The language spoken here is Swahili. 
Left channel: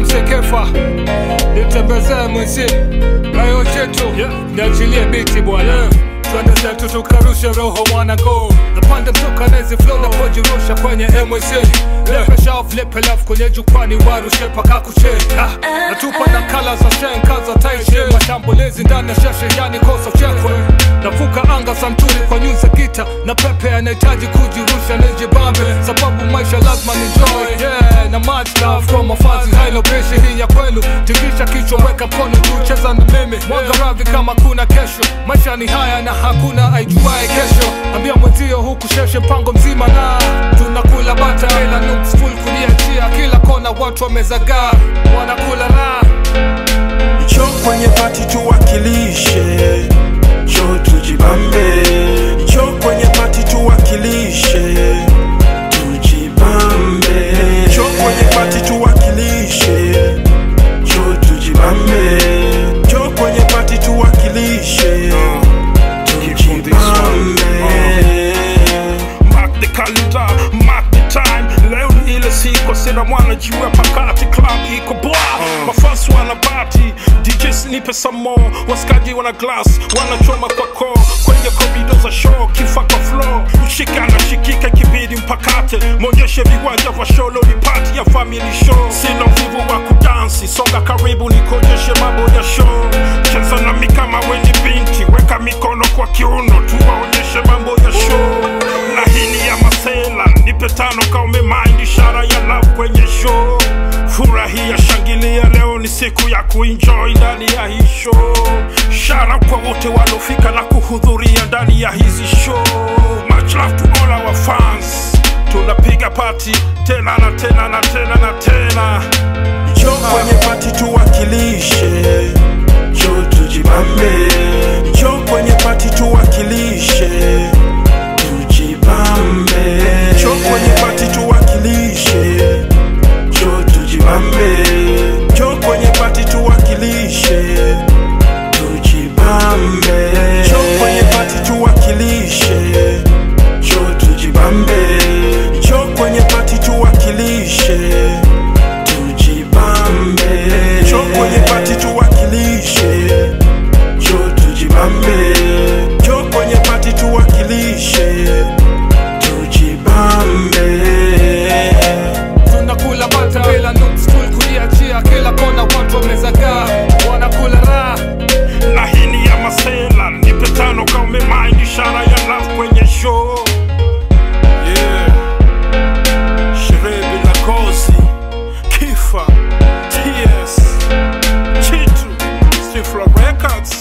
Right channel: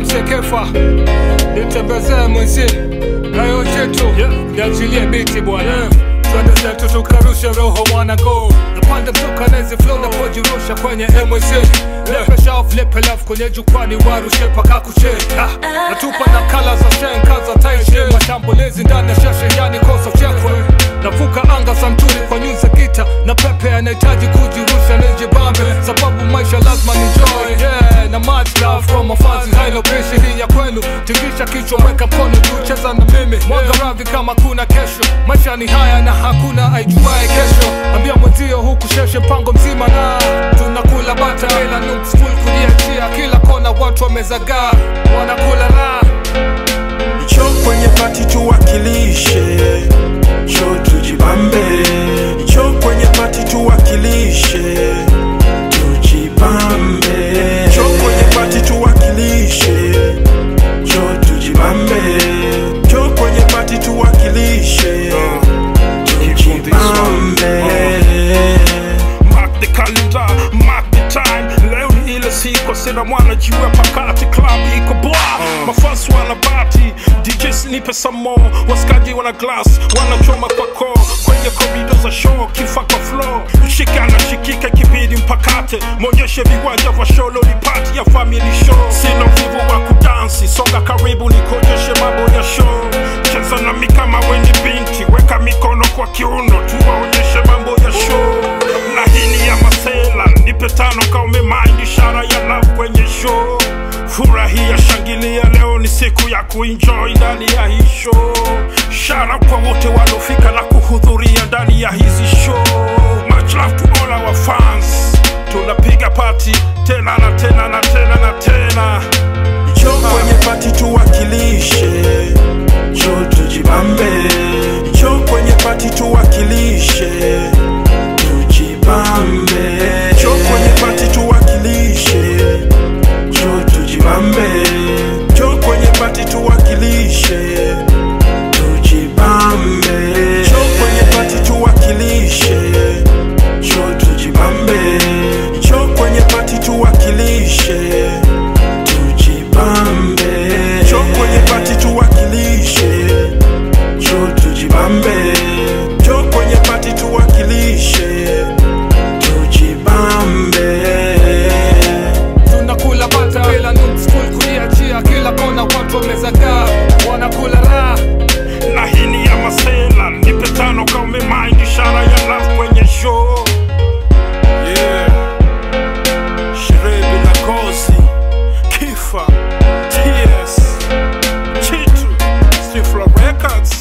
MC Kefa nitembezee mwenzi rayo chetu niachilie biti bwana twende zetu tukarushe roho mwana go napanda mtoka nezi flow na pojirusha kwenye MWC lepesha off lepe love kwenye jukwani warushe paka kuche natupa na kala za shenka za taiche mashambulizi ndani ya shashe yani kosa chekwe navuka anga santuri kwa nyuza kita na pepe anahitaji kujirusha nijibambe sababu maisha lazima enjoy na much love kwa mafazi haino bishi hii ya kwenu tingisha kichwa weka mkono juu cheza na mimi mwanga ravi kama kuna kesho maisha ni haya na hakuna aijuae kesho ambia mwenzio huku sheshe mpango mzima na tunakula bata ila nooks full kuliachia kila kona watu wamezagaa wanakula raha Cho kwenye party tuwakilishe Cho tujibambe Cho kwenye party tuwakilishe Tujibambe Cho kwenye party tuwakilishe Cho tujibambe Cho kwenye party tuwakilishe Tujibambe Mark the calendar, mark the time Leo ni ile siku sina mwana jiwe pakati club iko boa Mafans wana party, DJs nipe some more Waskaji wana glass, wana choma kwa core Kwenye corridor za show, kifa kwa floor Ushika na shikika kibidi mpakate Mwonyeshe viwanja vya show, lo ni party ya family show Sina vivu wa kudansi, songa karibu nikojeshe mambo ya show Cheza na mi kama weni binti, weka mikono kwa kiuno Tuwaonyeshe mambo ya show Na hini ya masela, nipe tano ka umemind ishara ya love kwenye show Furahia shangilia leo ni siku ya kuenjoy ndani ya hii show Shout kwa wote walofika na kuhudhuria ndani ya hizi show Much love to all our fans Tunapiga party tena na tena na tena na tena Cho kwenye party tuwakilishe Cho tujibambe Cho kwenye party tuwakilishe Tujibambe Cho kwenye party tuwakilishe Cho tujibambe Cho kwenye party tuwakilishe Tujibambe Cho kwenye party tuwakilishe Cho tujibambe Cho kwenye party tuwakilishe Tujibambe Cho kwenye party tuwakilishe Cho tujibambe Cho kwenye party tuwakilishe Tujibambe tunakula bata bila nooks full kuliachia kila kona watu wamezagaa wanakula raha Na hini ya masela, nipe tano ka umemind ishara ya love kwenye show Sherehe bila kozi, Kifa, TS, Chitu, Stifla Records